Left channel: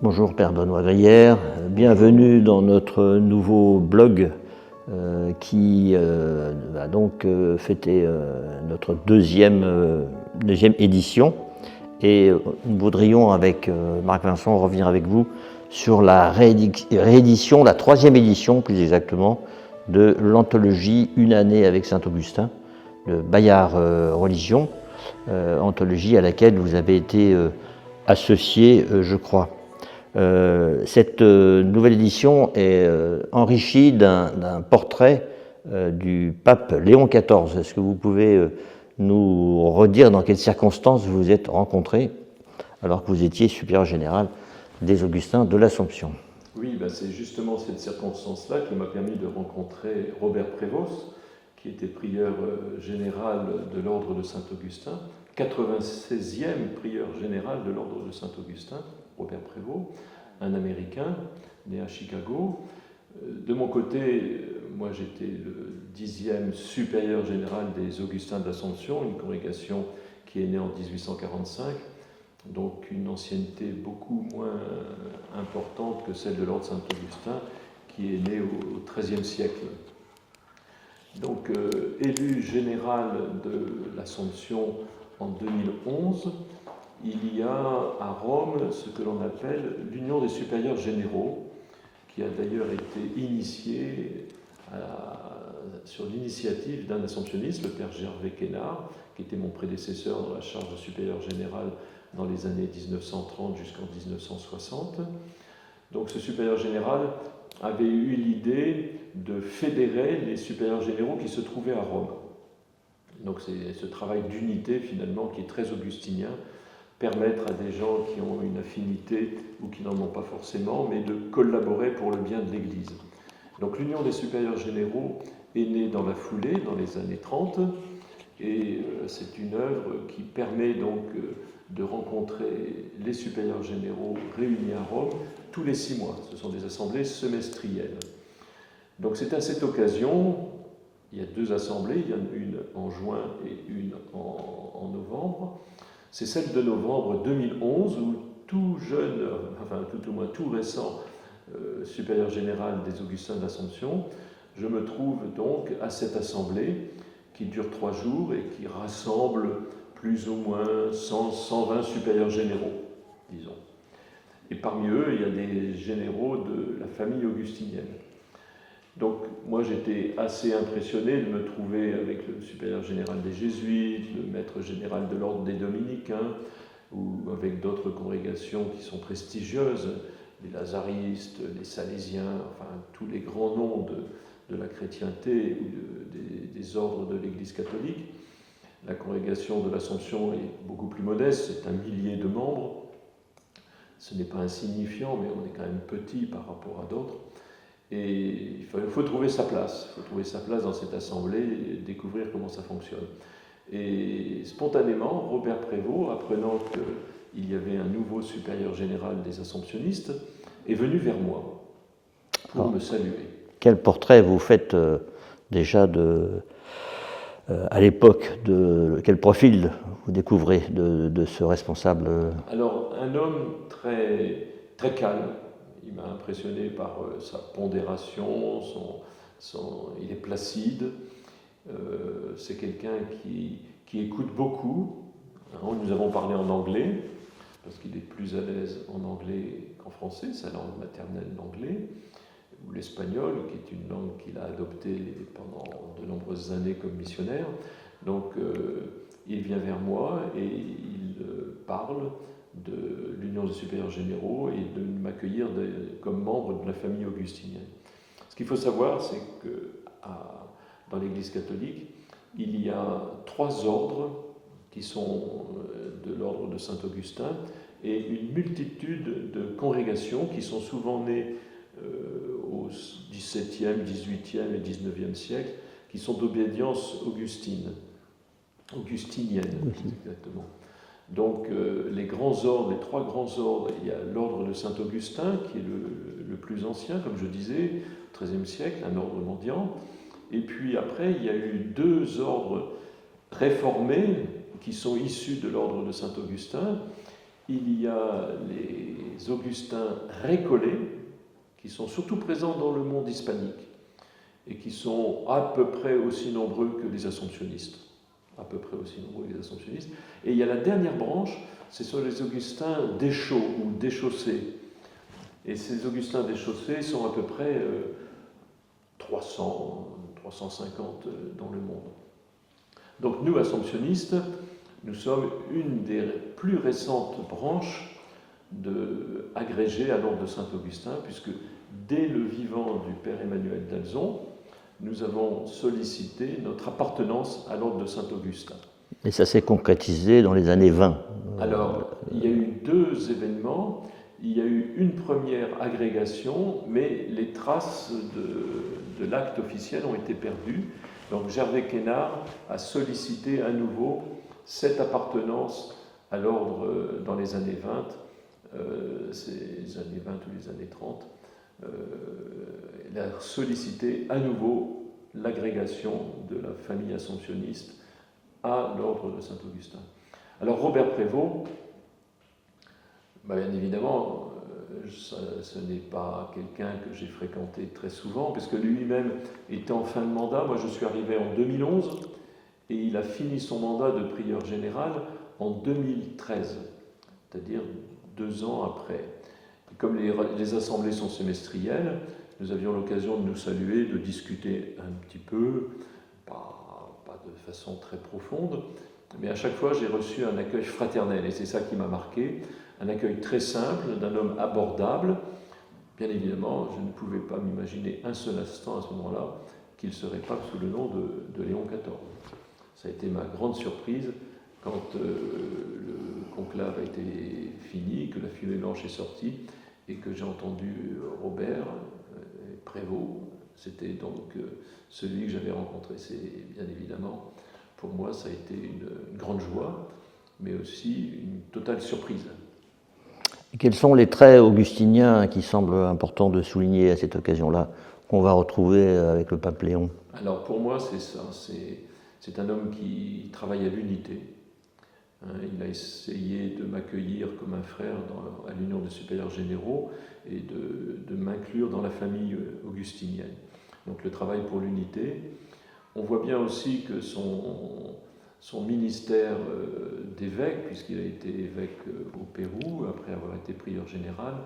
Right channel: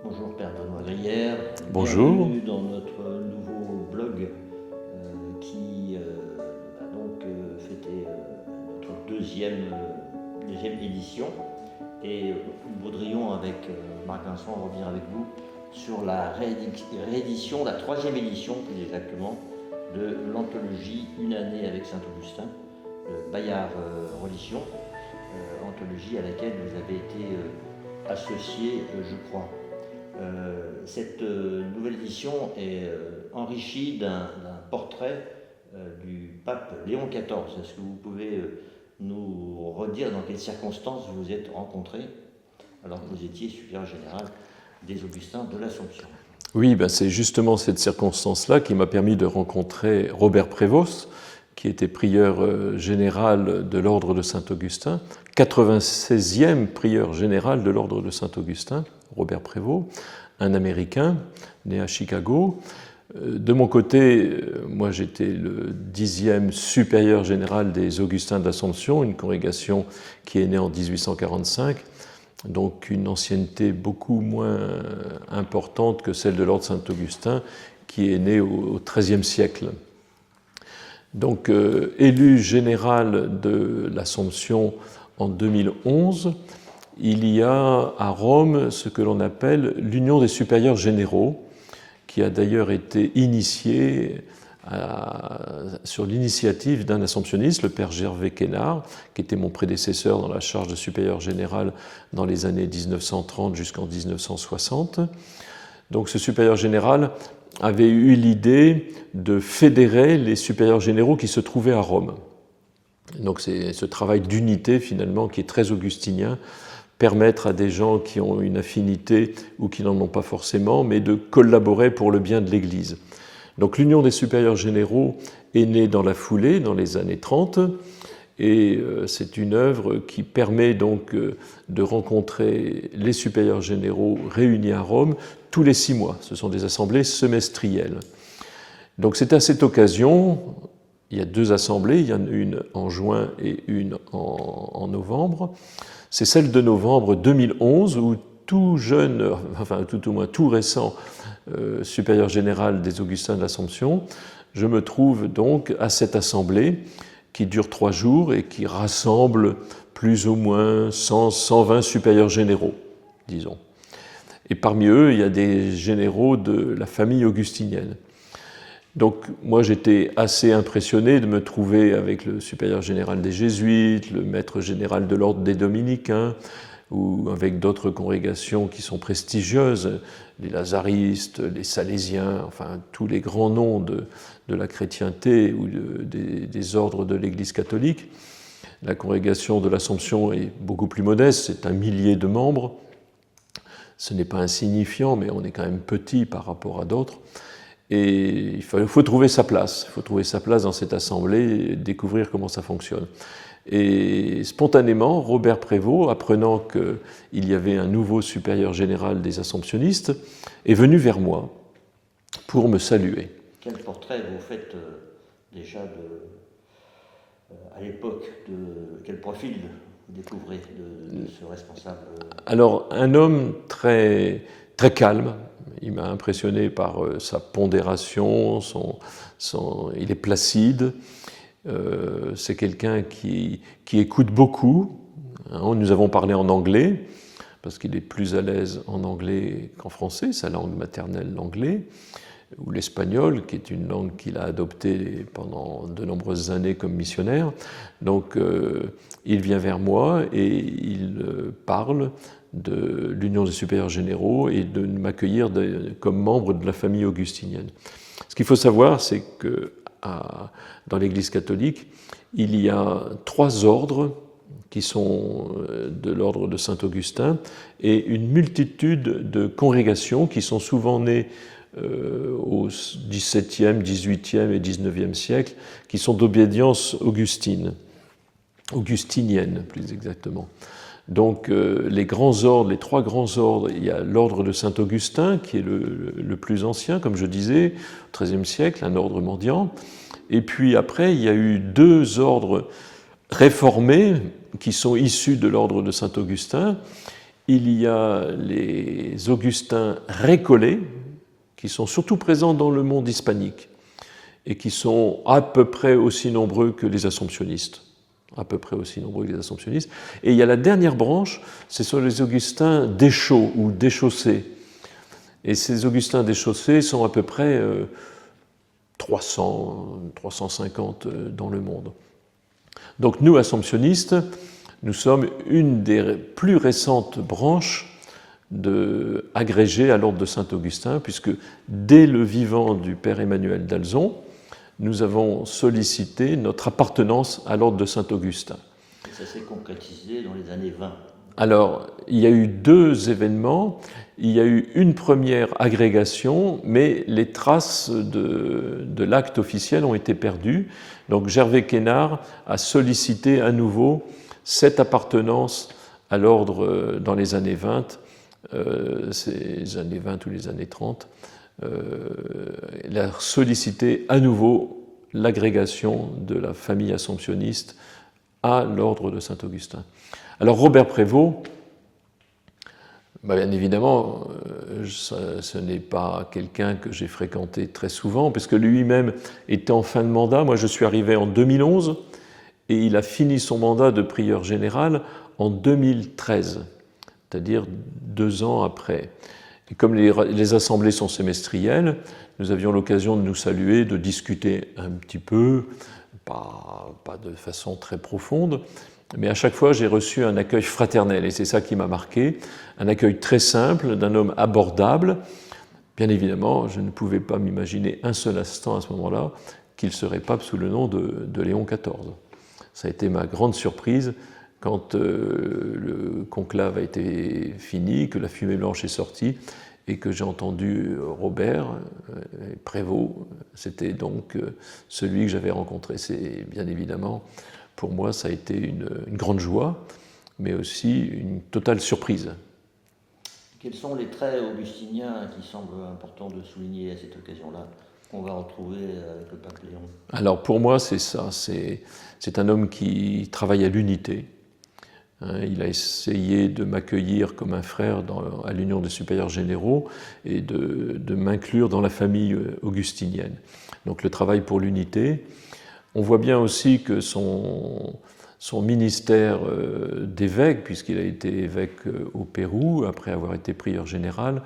Bonjour Père Benoît Grière, bienvenue dans notre nouveau blog qui va donc fêter notre deuxième édition. Et nous voudrions avec Marc Vincent revenir avec vous sur la réédition, la troisième édition plus exactement, de l'anthologie Une année avec Saint-Augustin, de Bayard Religion, anthologie à laquelle vous avez été associé, je crois. Cette nouvelle édition est enrichie d'un portrait du pape Léon XIV. Est-ce que vous pouvez nous redire dans quelles circonstances vous vous êtes rencontrés alors que vous étiez supérieur général des Augustins de l'Assomption? Oui, c'est justement cette circonstance-là qui m'a permis de rencontrer Robert Prévost, qui était prieur général de l'ordre de Saint-Augustin, 96e prieur général de l'ordre de Saint-Augustin, Robert Prévost, un Américain né à Chicago. De mon côté, moi j'étais le 10e supérieur général des Augustins d'Assomption, une congrégation qui est née en 1845, donc une ancienneté beaucoup moins importante que celle de l'ordre Saint-Augustin, qui est née au XIIIe siècle. Donc, élu général de l'Assomption en 2011, il y a à Rome ce que l'on appelle l'Union des supérieurs généraux, qui a d'ailleurs été initiée sur l'initiative d'un assomptionniste, le père Gervais Quénard, qui était mon prédécesseur dans la charge de supérieur général dans les années 1930 jusqu'en 1960. Donc ce supérieur général avait eu l'idée de fédérer les supérieurs généraux qui se trouvaient à Rome. Donc c'est ce travail d'unité finalement qui est très augustinien, permettre à des gens qui ont une affinité ou qui n'en ont pas forcément, mais de collaborer pour le bien de l'Église. Donc l'Union des supérieurs généraux est née dans la foulée, dans les années 30, et c'est une œuvre qui permet donc de rencontrer les supérieurs généraux réunis à Rome tous les 6 mois. Ce sont des assemblées semestrielles. Donc c'est à cette occasion, il y a 2 assemblées, il y en a une en juin et une en novembre. C'est celle de novembre 2011 où tout jeune, enfin tout au moins tout récent supérieur général des Augustins de l'Assomption, je me trouve donc à cette assemblée qui dure 3 jours et qui rassemble plus ou moins 100-120 supérieurs généraux, disons. Et parmi eux, il y a des généraux de la famille augustinienne. Donc moi j'étais assez impressionné de me trouver avec le supérieur général des Jésuites, le maître général de l'ordre des Dominicains, ou avec d'autres congrégations qui sont prestigieuses, les Lazaristes, les Salésiens, enfin tous les grands noms de la chrétienté ou des ordres de l'Église catholique. La congrégation de l'Assomption est beaucoup plus modeste, c'est 1 millier de membres. Ce n'est pas insignifiant, mais on est quand même petit par rapport à d'autres. Et il faut trouver sa place. Il faut trouver sa place dans cette assemblée et découvrir comment ça fonctionne. Et spontanément, Robert Prévost, apprenant qu'il y avait un nouveau supérieur général des Assomptionnistes, est venu vers moi pour me saluer. Quel portrait vous faites déjà à l'époque, quel profil vous découvrez de ce responsable? Alors, un homme très, très calme. Il m'a impressionné par sa pondération, il est placide. C'est quelqu'un qui écoute beaucoup. Nous avons parlé en anglais, parce qu'il est plus à l'aise en anglais qu'en français, sa langue maternelle, l'anglais, ou l'espagnol, qui est une langue qu'il a adoptée pendant de nombreuses années comme missionnaire. Donc, il vient vers moi et il parle de l'Union des supérieurs généraux et de m'accueillir comme membre de la famille augustinienne. Ce qu'il faut savoir, c'est que dans l'Église catholique, il y a 3 ordres qui sont de l'ordre de Saint-Augustin et une multitude de congrégations qui sont souvent nées au XVIIe, XVIIIe et XIXe siècle, qui sont d'obédience augustinienne, plus exactement. Donc les grands ordres, les 3 grands ordres, il y a l'ordre de Saint-Augustin, qui est le plus ancien, comme je disais, au XIIIe siècle, un ordre mendiant. Et puis après, il y a eu 2 ordres réformés qui sont issus de l'ordre de Saint-Augustin il y a les augustins récollets, qui sont surtout présents dans le monde hispanique et qui sont à peu près aussi nombreux que les assomptionnistes. À peu près aussi nombreux que les assomptionnistes. Et il y a la dernière branche, ce sont les augustins déchaux ou déchaussés. Et ces augustins déchaussés sont à peu près 300, 350 dans le monde. Donc nous, assomptionnistes, nous sommes une des plus récentes branches agrégées à l'ordre de Saint-Augustin, puisque dès le vivant du père Emmanuel d'Alzon, nous avons sollicité notre appartenance à l'ordre de Saint-Augustin. Et ça s'est concrétisé dans les années 20. Alors, il y a eu deux événements. Il y a eu une première agrégation, mais les traces de l'acte officiel ont été perdues. Donc Gervais Quénard a sollicité à nouveau cette appartenance à l'ordre dans les années 20, ces années 20 ou les années 30. Il a sollicité à nouveau l'agrégation de la famille assomptionniste à l'ordre de Saint-Augustin. Alors Robert Prévost, bien évidemment, ce n'est pas quelqu'un que j'ai fréquenté très souvent, puisque lui-même était en fin de mandat. Moi, je suis arrivé en 2011, et il a fini son mandat de prieur général en 2013, c'est-à-dire 2 ans après. Et comme les assemblées sont semestrielles, nous avions l'occasion de nous saluer, de discuter un petit peu, pas de façon très profonde, mais à chaque fois j'ai reçu un accueil fraternel, et c'est ça qui m'a marqué, un accueil très simple, d'un homme abordable. Bien évidemment, je ne pouvais pas m'imaginer un seul instant à ce moment-là qu'il serait pape sous le nom de Léon XIV. Ça a été ma grande surprise quand le conclave a été fini, que la fumée blanche est sortie et que j'ai entendu Robert Prévost. C'était donc celui que j'avais rencontré. C'est bien évidemment, pour moi, ça a été une grande joie, mais aussi une totale surprise. Et quels sont les traits augustiniens qui semblent importants de souligner à cette occasion-là, qu'on va retrouver avec le pape Léon? Alors pour moi, c'est ça. C'est un homme qui travaille à l'unité. Il a essayé de m'accueillir comme un frère à l'Union des supérieurs généraux et de m'inclure dans la famille augustinienne. Donc le travail pour l'unité. On voit bien aussi que son ministère d'évêque, puisqu'il a été évêque au Pérou, après avoir été prieur général,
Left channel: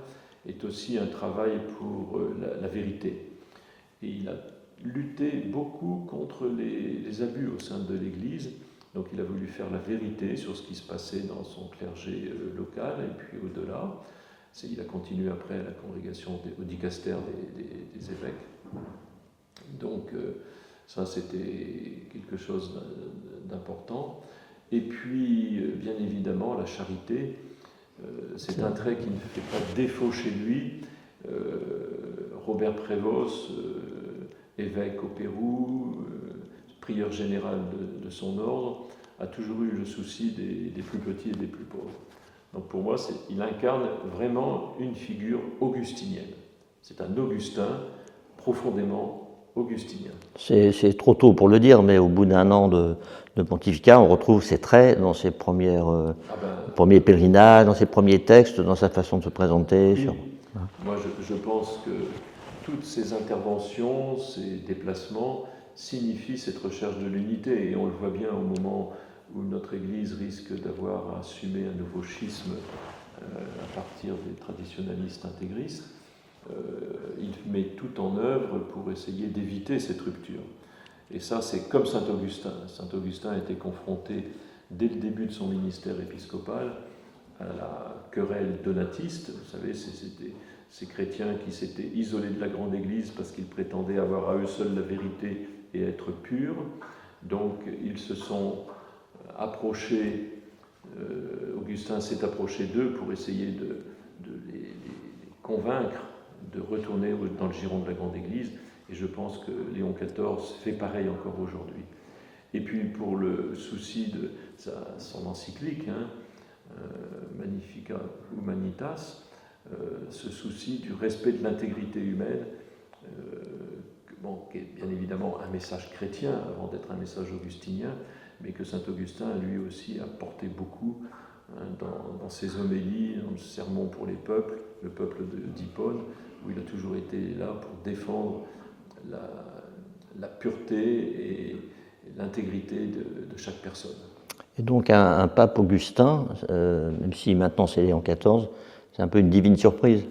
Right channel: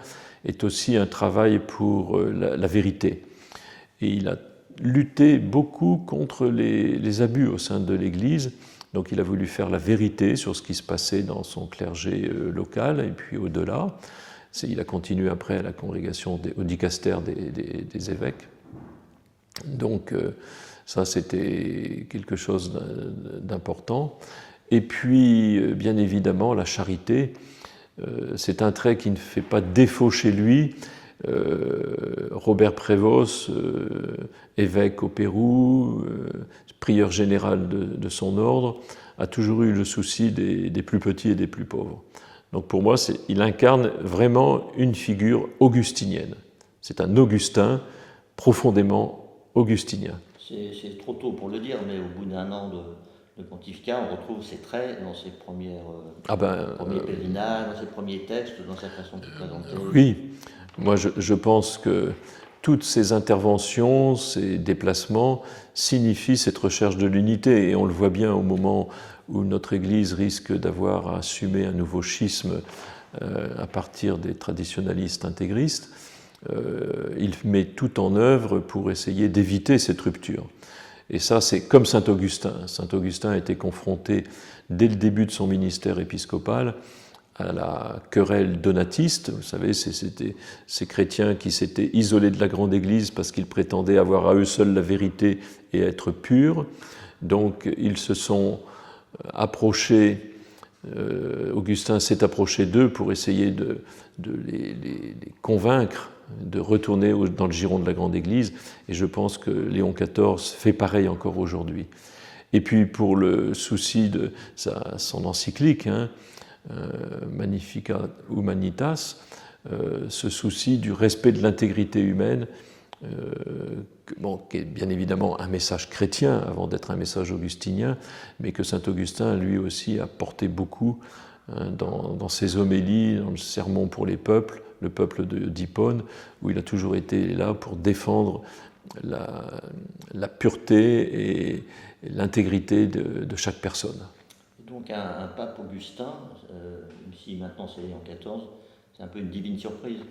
est aussi un travail pour la vérité. Et il a lutté beaucoup contre les abus au sein de l'Église. Donc il a voulu faire la vérité sur ce qui se passait dans son clergé local et puis au-delà. Il a continué après à la congrégation au dicaster des évêques. Donc ça, c'était quelque chose d'important. Et puis, bien évidemment, la charité, c'est un trait qui ne fait pas défaut chez lui. Robert Prévost, évêque au Pérou, prieur général de son ordre, a toujours eu le souci des plus petits et des plus pauvres. Donc pour moi, il incarne vraiment une figure augustinienne. C'est un Augustin profondément augustinien. C'est trop tôt pour le dire, mais au bout d'un an de pontificat, on retrouve ses traits dans ses premiers pèlerinages, dans ses premiers textes, dans sa façon de se présenter. Oui, moi je pense que toutes ces interventions, ces déplacements signifient cette recherche de l'unité, et on le voit bien au moment où notre Église risque d'avoir à assumer un nouveau schisme à partir des traditionalistes intégristes. Il met tout en œuvre pour essayer d'éviter cette rupture. Et ça, c'est comme saint Augustin. Saint Augustin a été confronté, dès le début de son ministère épiscopal, à la querelle donatiste. Vous savez, c'était ces chrétiens qui s'étaient isolés de la grande Église parce qu'ils prétendaient avoir à eux seuls la vérité et être purs. Donc, ils se sont approchés, Augustin s'est approché d'eux pour essayer de les convaincre de retourner dans le giron de la grande Église, et je pense que Léon XIV fait pareil encore aujourd'hui. Et puis pour le souci de son encyclique, Magnificat Humanitas, ce souci du respect de l'intégrité humaine, qui est bien évidemment un message chrétien avant d'être un message augustinien, mais que saint Augustin lui aussi a porté beaucoup dans ses homélies, dans le sermon pour les peuples, le peuple d'Hippone, où il a toujours été là pour défendre la pureté et l'intégrité de chaque personne. Et donc un pape Augustin, même si maintenant c'est Léon XIV, c'est un peu une divine surprise.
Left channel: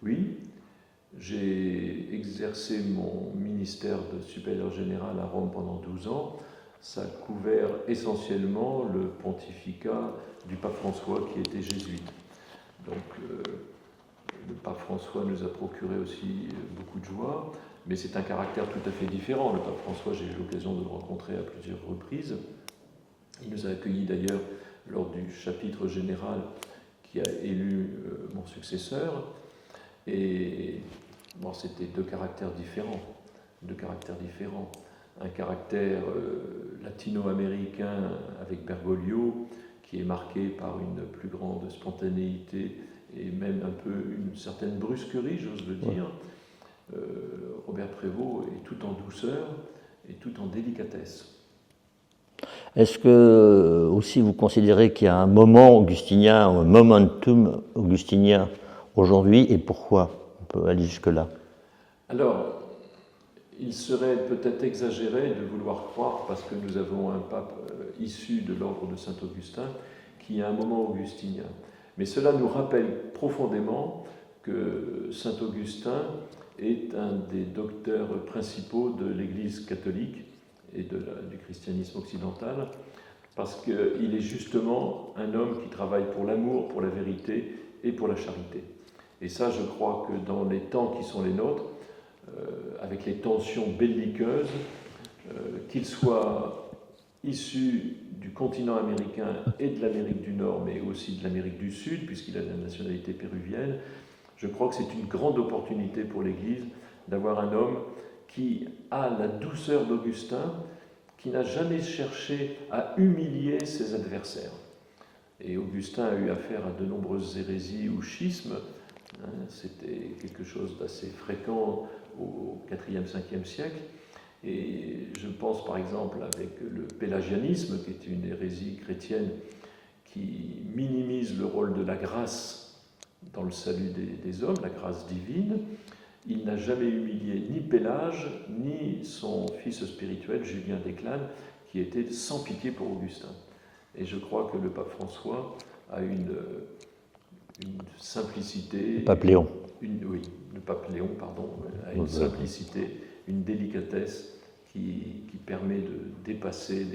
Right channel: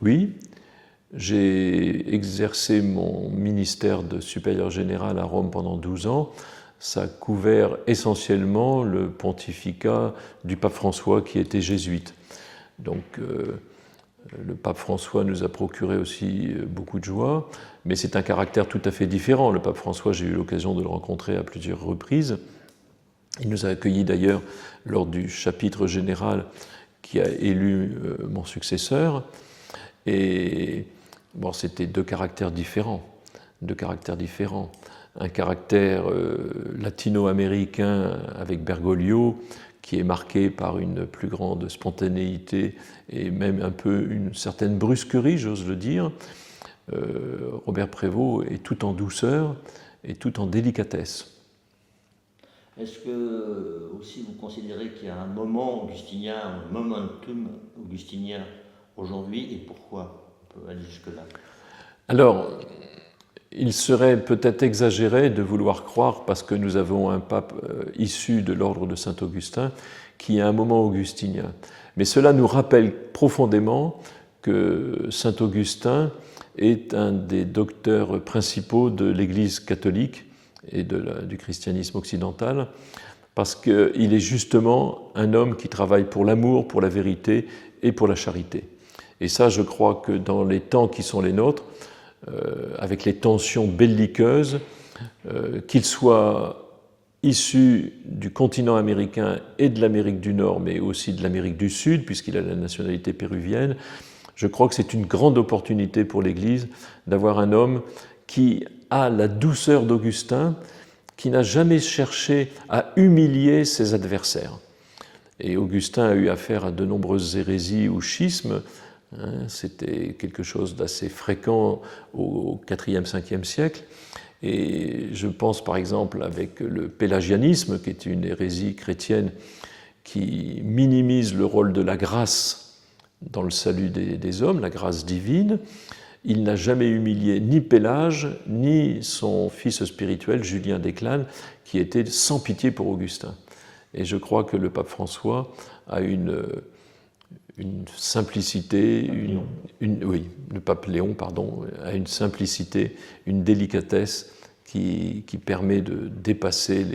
Oui, j'ai exercé mon ministère de supérieur général à Rome pendant 12 ans. Ça a couvert essentiellement le pontificat du pape François qui était jésuite. Donc le pape François nous a procuré aussi beaucoup de joie, mais c'est un caractère tout à fait différent. Le pape François, j'ai eu l'occasion de le rencontrer à plusieurs reprises. Il nous a accueillis d'ailleurs lors du chapitre général qui a élu mon successeur. Et bon, c'était deux caractères différents. Un caractère latino-américain avec Bergoglio, qui est marqué par une plus grande spontanéité et même un peu une certaine brusquerie, j'ose le dire. Robert Prévost est tout en douceur et tout en délicatesse. Est-ce que aussi vous considérez qu'il y a un moment augustinien, un momentum augustinien aujourd'hui, et pourquoi? On peut aller jusque-là. Alors, il serait peut-être exagéré de vouloir croire, parce que nous avons un pape issu de l'ordre de Saint-Augustin, qui a un moment augustinien. Mais cela nous rappelle profondément que Saint-Augustin est un des docteurs principaux de l'Église catholique et du christianisme occidental, parce qu'il est justement un homme qui travaille pour l'amour, pour la vérité et pour la charité. Et ça, je crois que dans les temps qui sont les nôtres, avec les tensions belliqueuses, qu'il soit issu du continent américain et de l'Amérique du Nord, mais aussi de l'Amérique du Sud, puisqu'il a la nationalité péruvienne, je crois que c'est une grande opportunité pour l'Église d'avoir un homme qui a la douceur d'Augustin, qui n'a jamais cherché à humilier ses adversaires. Et Augustin a eu affaire à de nombreuses hérésies ou schismes. C'était quelque chose d'assez fréquent au IVe, Ve siècle. Et je pense par exemple avec le pélagianisme, qui est une hérésie chrétienne qui minimise le rôle de la grâce dans le salut des hommes, la grâce divine. Il n'a jamais humilié ni Pélage, ni son fils spirituel, Julien d'Eclane, qui était sans pitié pour Augustin. Et je crois que le pape François a une simplicité... Le pape Léon. Oui, le pape Léon, pardon, a une simplicité, une délicatesse qui permet de dépasser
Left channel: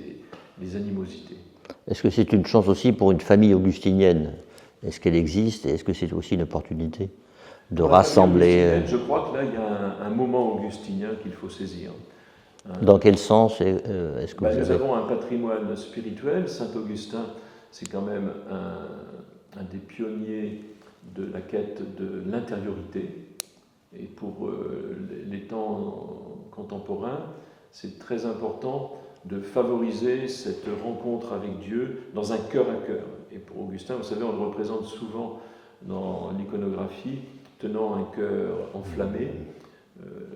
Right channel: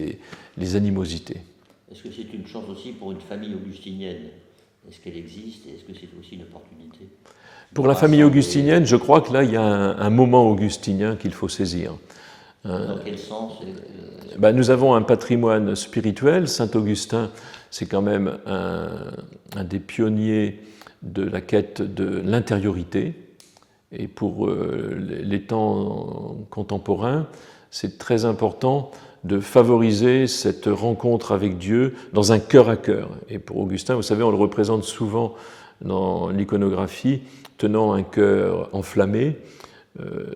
les animosités. Est-ce que c'est une chance aussi pour une famille augustinienne? Est-ce qu'elle existe et est-ce que c'est aussi une opportunité? Pour la famille augustinienne, je crois que là, il y a un moment augustinien qu'il faut saisir. Dans quel sens Nous avons un patrimoine spirituel. Saint-Augustin, c'est quand même un des pionniers de la quête de l'intériorité. Et pour les temps contemporains, c'est très important de favoriser cette rencontre avec Dieu dans un cœur à cœur. Et pour Augustin, vous savez, on le représente souvent dans l'iconographie tenant un cœur enflammé.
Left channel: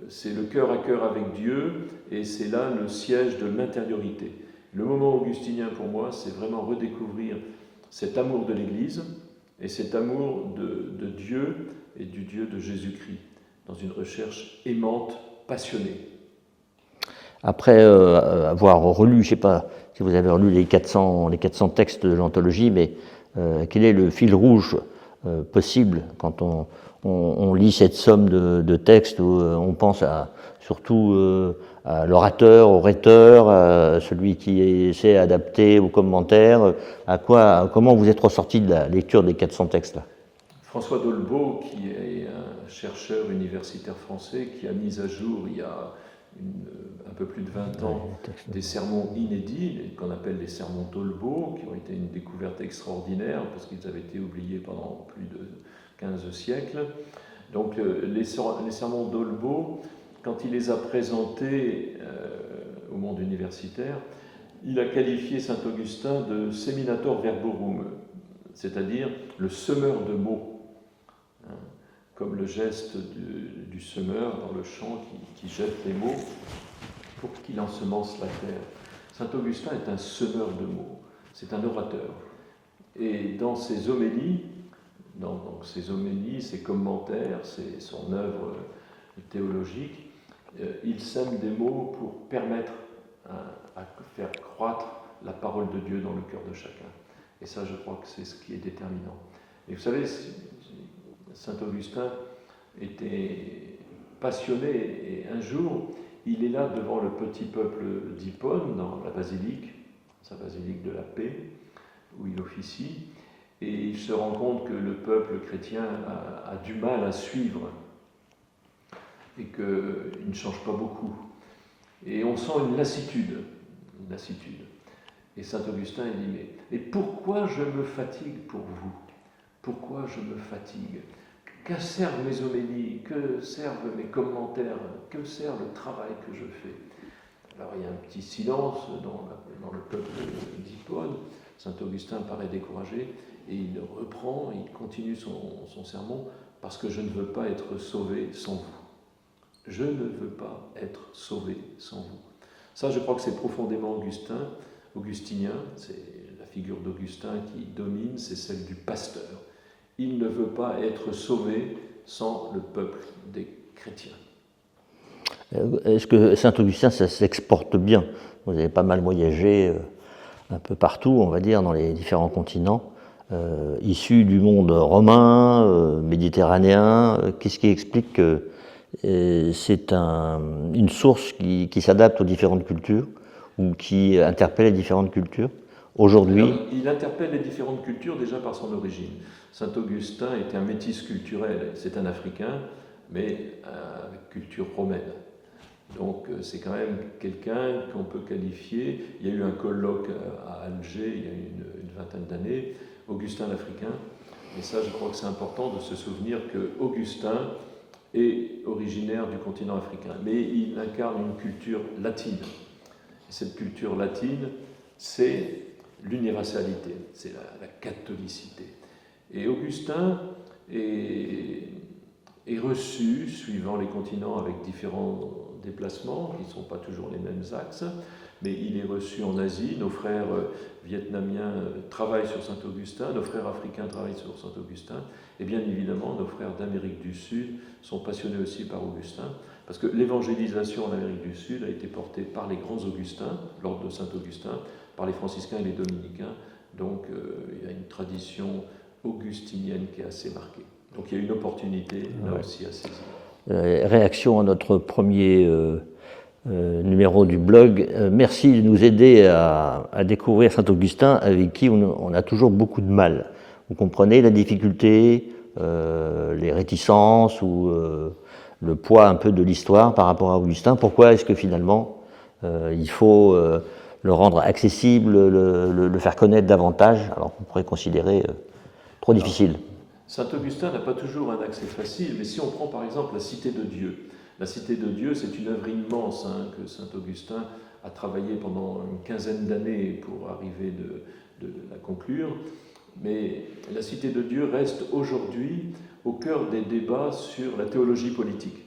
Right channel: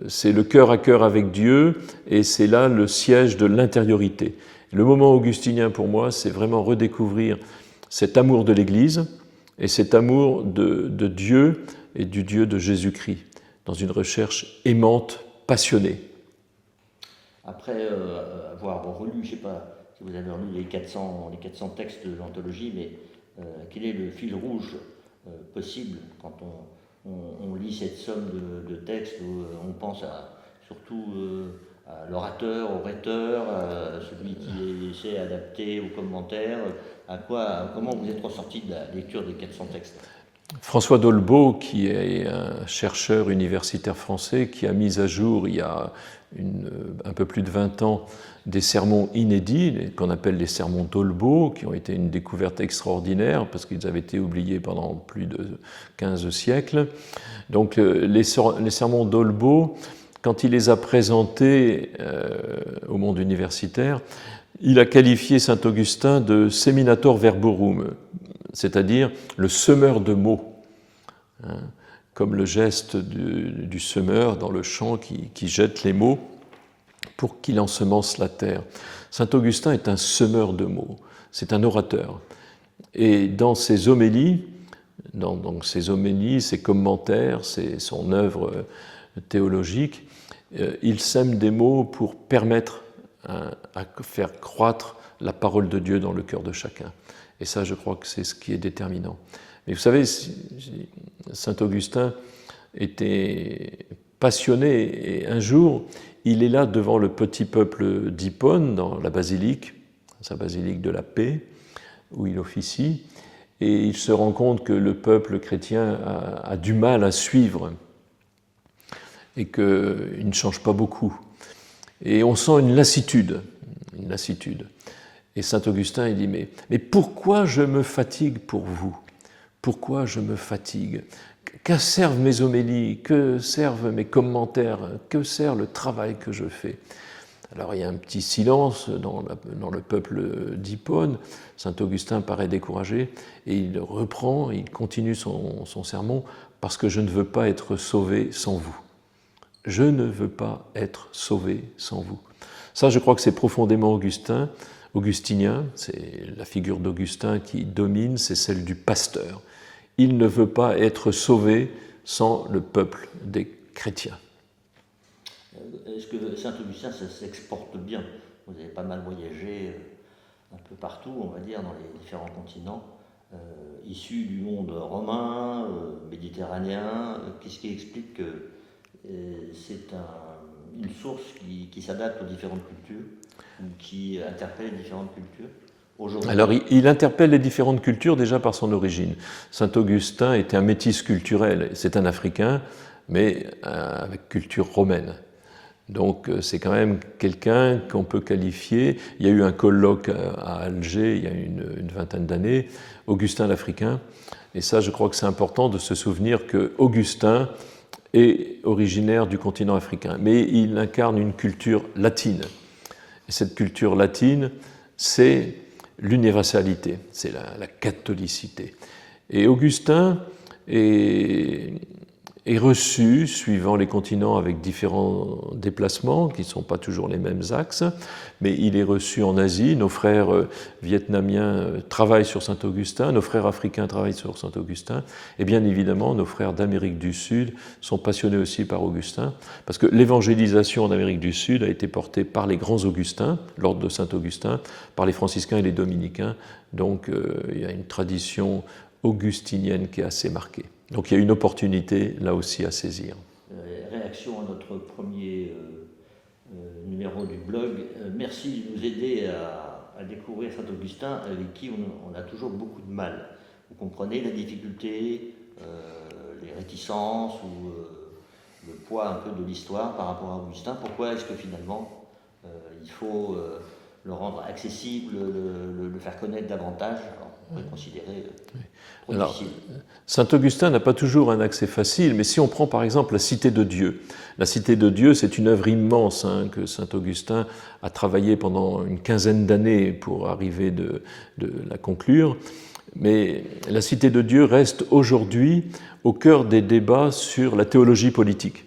C'est le cœur à cœur avec Dieu et c'est là le siège de l'intériorité. Le moment augustinien pour moi, c'est vraiment redécouvrir cet amour de l'Église et cet amour de Dieu et du Dieu de Jésus-Christ dans une recherche aimante, passionnée. Après avoir relu, je ne sais pas si vous avez relu les 400 textes de l'anthologie, mais quel est le fil rouge possible quand on lit cette somme de textes où on pense surtout à l'orateur, au rhéteur, à celui qui essaie d'adapter aux commentaires, comment vous êtes ressorti de la lecture des 400 textes? François Dolbeau, qui est un chercheur universitaire français, qui a mis à jour il y a un peu plus de 20 ans des sermons inédits, qu'on appelle les sermons Dolbeau, qui ont été une découverte extraordinaire parce qu'ils avaient été oubliés pendant plus de 15 siècles. Donc les sermons Dolbeau, quand il les a présentés au monde universitaire, il a qualifié Saint-Augustin de seminator verborum, c'est-à-dire le semeur de mots, comme le geste du semeur dans le champ qui jette les mots pour qu'il ensemence la terre. Saint Augustin est un semeur de mots, c'est un orateur. Et dans ses homélies, ses commentaires, son œuvre théologique, il sème des mots pour permettre à faire croître la parole de Dieu dans le cœur de chacun. Et ça, je crois que c'est ce qui est déterminant. Mais vous savez, saint Augustin était passionné, et un jour, il est là devant le petit peuple d'Hippone, dans la basilique, sa basilique de la Paix, où il officie, et il se rend compte que le peuple chrétien a du mal à suivre et qu'il ne change pas beaucoup. Et on sent une lassitude. Et saint Augustin, il dit, mais pourquoi je me fatigue pour vous? Pourquoi je me fatigue? Que servent mes homélies? Que servent mes commentaires? Que sert le travail que je fais? Alors il y a un petit silence dans le peuple d'Hippone. Saint Augustin paraît découragé et il reprend, il continue son sermon, parce que je ne veux pas être sauvé sans vous. Je ne veux pas être sauvé sans vous. Ça, je crois que c'est profondément augustinien, c'est la figure d'Augustin qui domine, c'est celle du pasteur. Il ne veut pas être sauvé sans le peuple des chrétiens. Est-ce que saint Augustin, ça s'exporte bien? Vous avez pas mal voyagé un peu partout, on va dire, dans les différents continents, issus du monde romain, méditerranéen. Qu'est-ce qui explique que c'est une source qui s'adapte aux différentes cultures ou qui interpelle les différentes cultures? Aujourd'hui... Alors, il interpelle les différentes cultures déjà par son origine. Saint Augustin était un métis culturel. C'est un Africain, mais avec culture romaine. Donc, c'est quand même quelqu'un qu'on peut qualifier. Il y a eu un colloque à Alger il y a une vingtaine d'années, Augustin l'Africain. Et ça, je crois que c'est important de se souvenir que Augustin est originaire du continent africain, mais il incarne une culture latine. Et cette culture latine, c'est l'universalité, c'est la catholicité. Et Augustin est reçu, suivant les continents, avec différents déplacements, qui ne sont pas toujours les mêmes axes, mais il est reçu en Asie. Nos frères vietnamiens travaillent sur saint Augustin, nos frères africains travaillent sur saint Augustin, et bien évidemment, nos frères d'Amérique du Sud sont passionnés aussi par Augustin, parce que l'évangélisation en Amérique du Sud a été portée par les grands Augustins, l'ordre de saint Augustin, par les franciscains et les dominicains, donc il y a une tradition augustinienne qui est assez marquée. Donc il y a une opportunité là aussi à saisir. Réaction à notre premier numéro du blog. Merci de nous aider à découvrir saint Augustin, avec qui on a toujours beaucoup de mal. Vous comprenez la difficulté, les réticences ou le poids un peu de l'histoire par rapport à Augustin. Pourquoi est-ce que finalement il faut le rendre accessible, le faire connaître davantage, alors qu'on pourrait considérer trop difficile? Saint Augustin n'a pas toujours un accès facile, mais si on prend par exemple la Cité de Dieu, la Cité de Dieu, c'est une œuvre immense que saint Augustin a travaillé pendant une quinzaine d'années pour arriver de la conclure, mais la Cité de Dieu reste aujourd'hui au cœur des débats sur la théologie politique.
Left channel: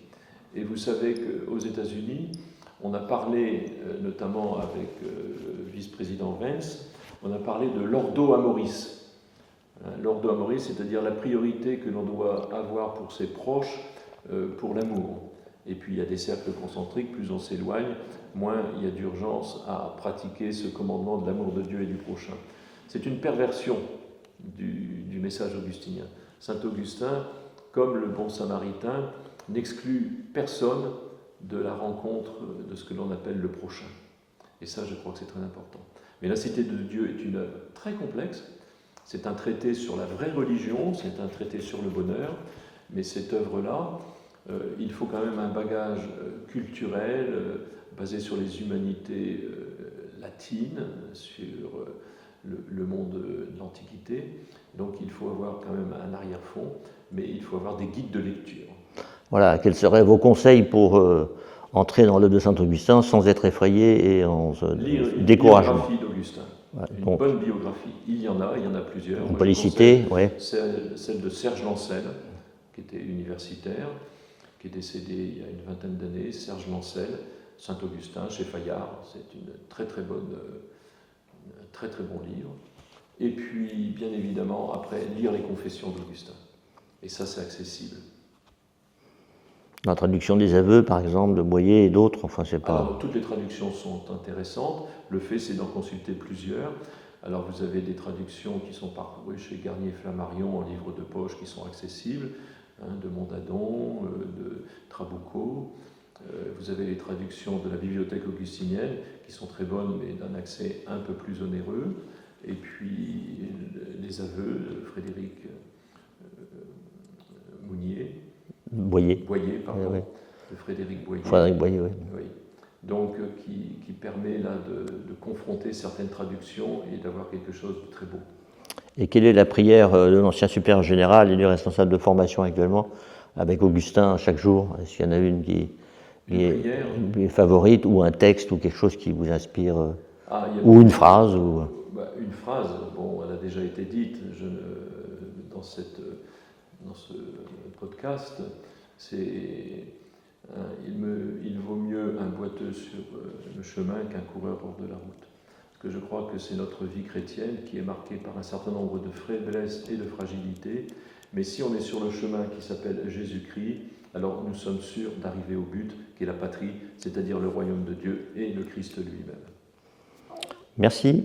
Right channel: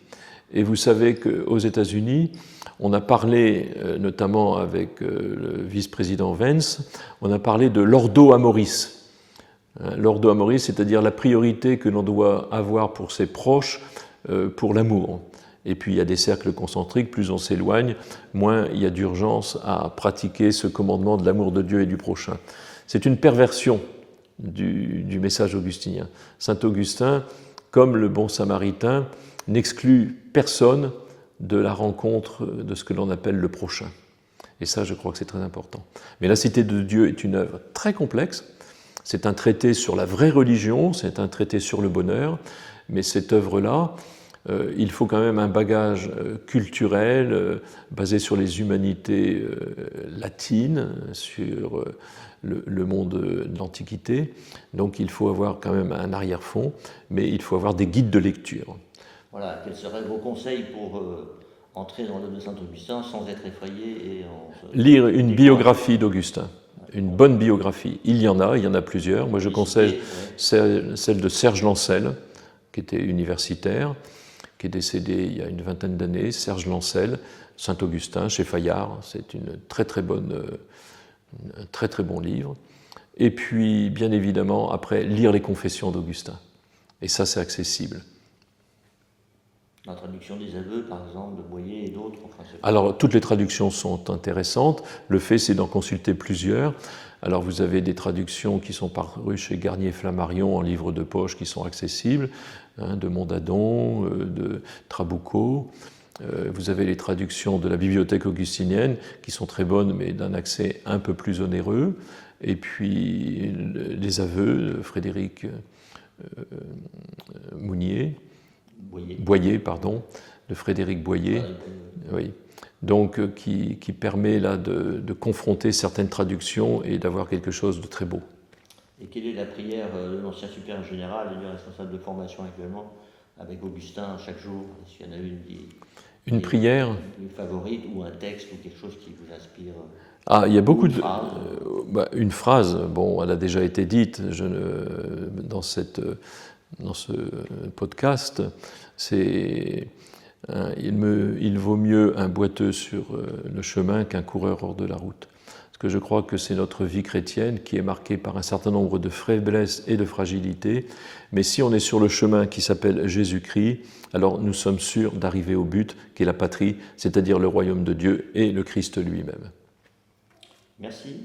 Et vous savez qu'aux États-Unis, on a parlé, notamment avec le vice-président Vance, on a parlé de l'ordo amoris. L'ordo amoris, c'est-à-dire la priorité que l'on doit avoir pour ses proches, pour l'amour. Et puis il y a des cercles concentriques, plus on s'éloigne, moins il y a d'urgence à pratiquer ce commandement de l'amour de Dieu et du prochain. C'est une perversion du message augustinien. Saint Augustin, comme le bon samaritain, n'exclut personne de la rencontre de ce que l'on appelle le prochain. Et ça, je crois que c'est très important. Mais la Cité de Dieu est une œuvre très complexe. C'est un traité sur la vraie religion, c'est un traité sur le bonheur, mais cette œuvre-là, il faut quand même un bagage culturel basé sur les humanités latines, sur le monde de l'Antiquité. Donc il faut avoir quand même un arrière-fond, mais il faut avoir des guides de lecture. Voilà, quels seraient vos conseils pour entrer dans l'œuvre de saint Augustin sans être effrayé et en lire une biographie d'Augustin. Une bonne biographie. Il y en a plusieurs. Moi, je conseille celle de Serge Lancel, qui était universitaire, qui est décédé il y a une vingtaine d'années. Serge Lancel, Saint-Augustin, chez Fayard. C'est un très très bon livre. Et puis, bien évidemment, après, lire les confessions d'Augustin. Et ça, c'est accessible. La traduction des aveux, par exemple, de Boyer et d'autres, enfin, c'est pas... Alors, toutes les traductions sont intéressantes. Le fait, c'est d'en consulter plusieurs. Alors, vous avez des traductions qui sont parues chez Garnier-Flammarion en livre de poche qui sont accessibles, hein, de Mondadon, de Trabucco. Vous avez les traductions de la bibliothèque augustinienne qui sont très bonnes, mais d'un accès un peu plus onéreux. Et puis, les aveux de Frédéric Boyer, pardon, Oui. de Frédéric Boyer. Frédéric Boyer, oui. Oui. Donc, qui permet là de confronter certaines traductions et d'avoir quelque chose de très beau. Et quelle est la prière de l'ancien supérieur général et du responsable de formation actuellement, avec Augustin chaque jour? Est-ce qu'il y en a une qui prière est favorite, ou un texte, ou quelque chose qui vous inspire? Il y a beaucoup ou une phrase Une phrase, bon, elle a déjà été dite dans ce podcast, c'est il vaut mieux un boiteux sur le chemin qu'un coureur hors de la route. Parce que je crois que c'est notre vie chrétienne qui est marquée par un certain nombre de faiblesses et de fragilités, mais si on est sur le chemin qui s'appelle Jésus-Christ, alors nous sommes sûrs d'arriver au but qui est la patrie, c'est-à-dire le royaume de Dieu et le Christ lui-même. Merci.